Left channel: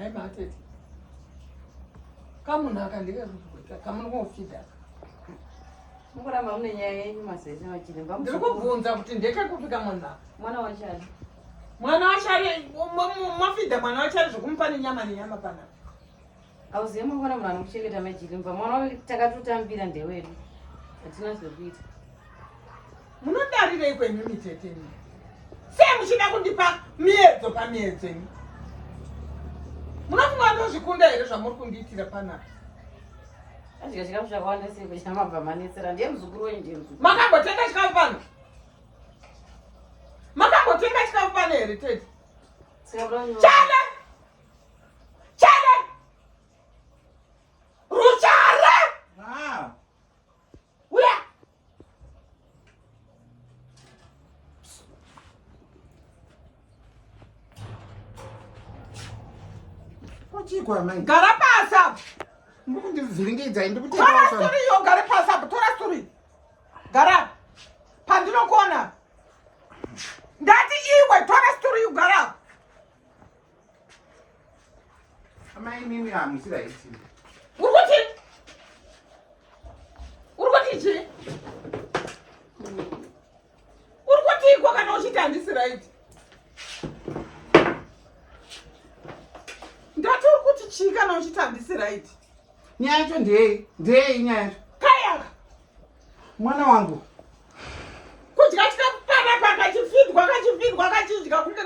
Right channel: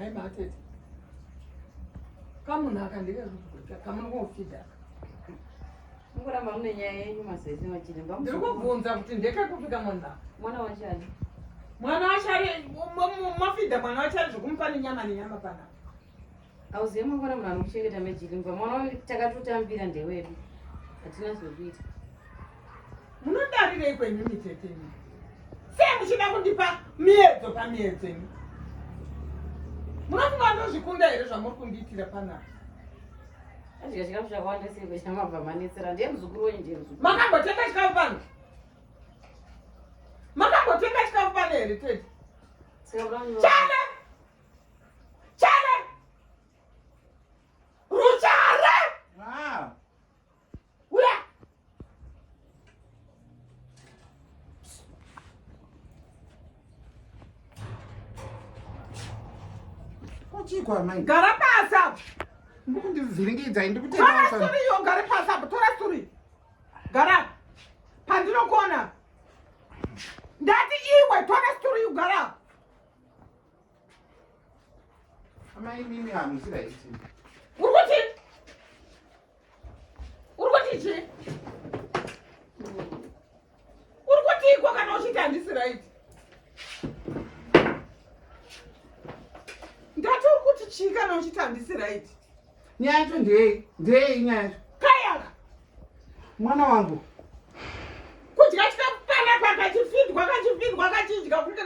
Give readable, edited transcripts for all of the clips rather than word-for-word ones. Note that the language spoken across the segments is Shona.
Hai matete. Kamuna akandika kuti kamuna kofida. Mukuramba mune nyaya yenyu mazese Jilimba. Ndiri kubvunza kuti ndekekupika mwana wachari. Mwana wachari mafida mwana wachari zvokumupa nenyama pana. Auziye mwana munhu anokuchengeta Jilimba. Mwana takatotambira ndewedu. Hatina zvekuita. Munodarirei kwenyu miteteni? Sei muchida kundipa miedzo pamiedzo ini? Munofunga ndozvikunda here zvamuri kundiitira panapa? Adya chikafu chakawanda sei chamabva manetsera. Ndiye muzukuru wenyu ndiye muzukuru. Makambotenga chikafu pano? Makambotenga chikafu pano here tete? Chale! Chale! Ruchare! Ah! Uya! Chikwa mai. Gara pasa! Ndikundivhiringidza ndikutenga Tora wasona. sturi yo, gara pasa, tora sturi. Gara. Pandinokona. Ndati iwe, tora sturi yo, gara. Amai nini hamusira iti. Urikuti? Urikuti chi? Urikuti iko kana uchiti handisira iti? Ndati urikuti chi kana uchiti handisira iti? Nyaya yacho ndeyei nyaya yacho. Kaya! Mwana wangu. Kudya chikafu panapa kachifidwa kachidya kunge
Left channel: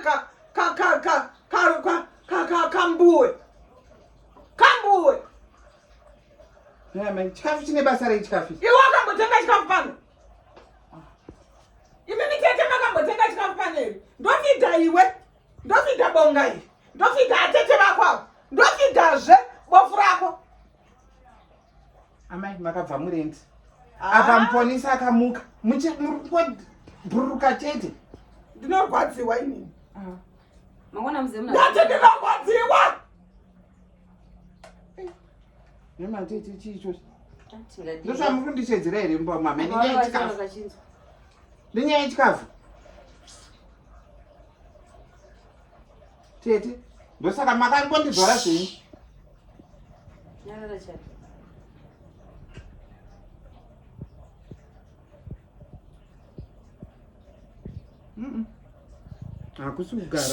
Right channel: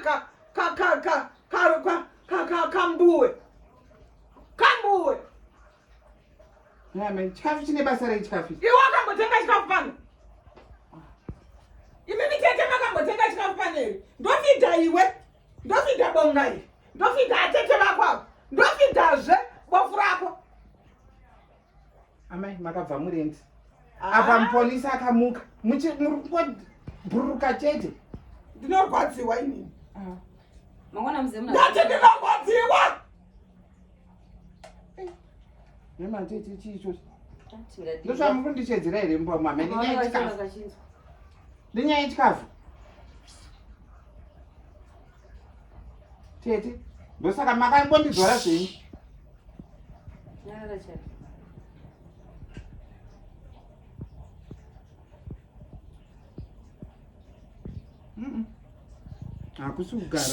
kambuwe. Kambuwe! Nyaya mai, chikafu chine basa rechikafu. Iwe wakambotenga chikafu pano? Imini tete makambotenga chikafu pano here? Ndofidha iwe? Ndofidha bonga iyi? Ndofidha atete vako avo? Ndofidhazve bofu rako? Amai, makabva murendi. Apa muponesa akamuka. Murikuburuka chete. Ndinorwadziwa inini. Mangwana mzee mna. Ndati ndinorwadziwa! Nema tete chicho. Ndosha Ndozvamurikundishedzera here mama. Nenyaya yechikafu. Nenyaya yechikafu. Tete. Ndosaka makangondizvara zvenyu. nyarara chari. Hakusi kugara.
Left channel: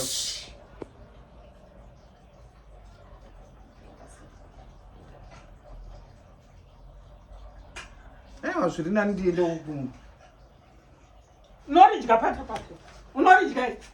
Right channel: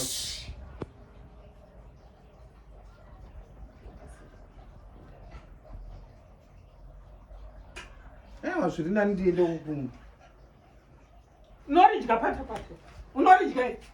Ewa zviri nani ndiende kukumba. Unoridya pato pato. Unoridya iti.